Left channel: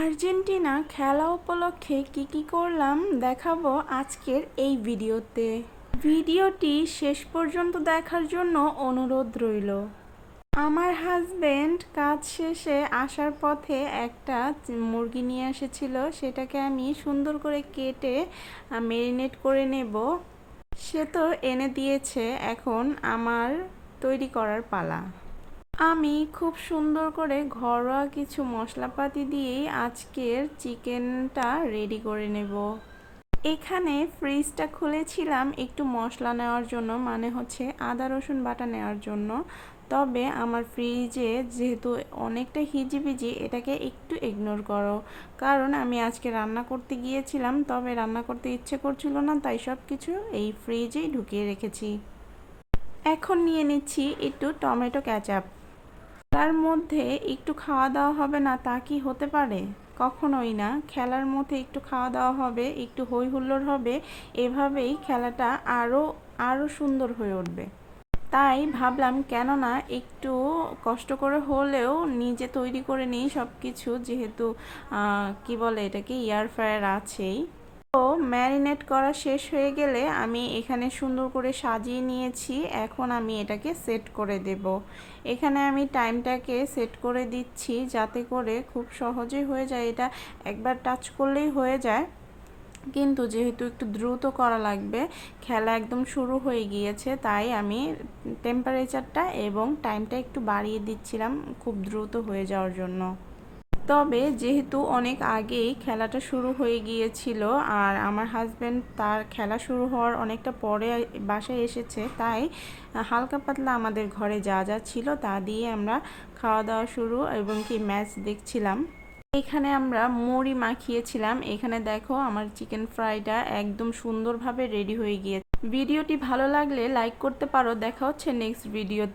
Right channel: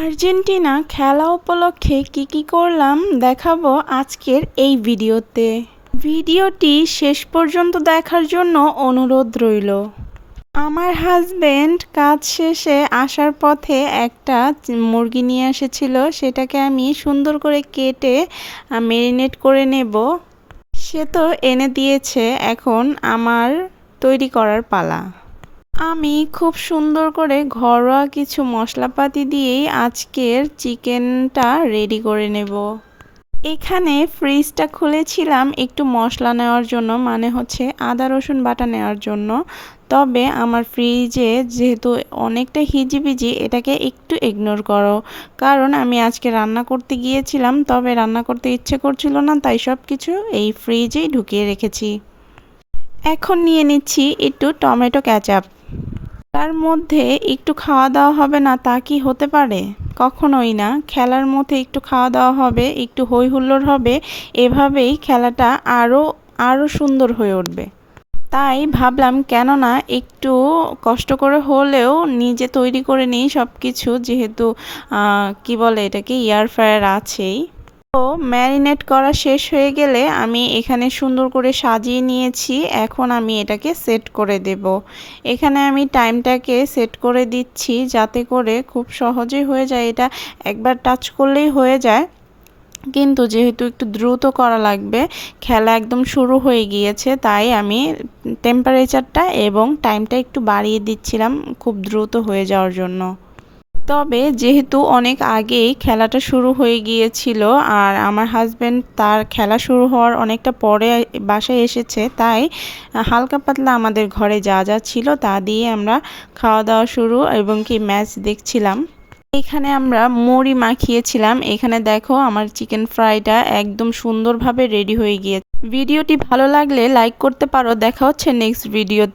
Argentina খেলা উপলক্ষে কি করলাম দেখাবো আজকের এই ভিডিওতে। ভিডিওটি শেষ পর্যন্ত দেখার জন্য অনুরোধ রইল। আমার হাজবেন্ড কাজ শেষে আসার পথে একটা মুরগি নিয়ে এসেছিল, সেটাকে আমি সুন্দর করে কেটে ম্যারিনেট করে নেব। সে তো এনে দিয়েছে, এখন আমার তৈরি করার পালা। আমি খুব সুন্দর করে ঘরোয়া কিছু মশলাপাতি দিয়েই আজকের চিকেনটা রেডি করে নেব। এখানে ফ্রিজটা খুলেছিলাম একটু মশলা নেওয়ার জন্য, মানে হচ্ছে আদা রসুন বাটা নেওয়ার জন্য। তবে আমার ফ্রিজে যেহেতু অনেকটা হিজিবিজি, এটাকে একটু ইগনোর করো, কারণ আমি আজকে রান্না করতে গিয়েছিলাম, তবে রান্না করতে ইচ্ছে করছিল না, তাই সব কিছু এই ফ্রিজেই ঢুকিয়ে রেখেছি। এখন নিয়ে নিচ্ছি একটু টমেটো ক্যাচাপ। তার মধ্যে একটু খাওয়া দাওয়া হবে না তা কি হতে পারে? কখনোই না। খেলার মধ্যে একটু খাওয়া দাওয়া হবে, একটু হই হুল্লোড় হবে, এভাবেই খেলাটা আরও সুন্দর হয়ে উঠবে। তাই ভাবলাম কেননা একটু কষ্ট করে হলেও নিজে তৈরি করে নিই সব কিছু, যেহেতু কি বলে এটাকে, এয়ার ফ্রায়ার আছেই। তো ম্যারিনেট করা শেষ হয়ে গেলে আমি এখানে সুন্দর করে সাজিয়ে নিয়েছি। এখন আমি এটাকে সেট করে দেব। এখানে আমি টাইমটাকে সেট করে দিচ্ছি যাতে করে খুব সহজেই হয়ে যায়, এটা একবার টাচ করলেই হয়ে যায়। কিন্তু যেহেতু একটু দ্রুত করা লাগবে, খেলা একদম শুরু হয়ে গিয়েছে, তাই আমি টেম্পারেচারটা এবং টাইমটা একটু বাড়িয়ে দিচ্ছিলাম খুব দ্রুত হয়ে যাওয়ার জন্য। তবে যেহেতু অনেক আগেই খেলাটা শুরু হয়ে গিয়েছিল আর আমার হাজব্যান্ড তার খেলা শুরু হওয়ার অনেকটা পরে বাসায় এসেছে, তাই হালকা পাতলা আমাদের ঘরে যা যা ছিল তা দিয়ে আমরা খাওয়া দাওয়া শুরু এবং কি ম্যাচ দেখছিলাম। এখানে আমরা মুড়ি মাখিয়েছিলাম। এখানে দেখো আমার চিকেন ফ্রাইটা একদম সুন্দরভাবে রেডি হয়ে গিয়েছে। ভিডিওটি ভালো লাগলে লাইক করতে পারো। দেখা হচ্ছে নেক্সট ভিডিওতে।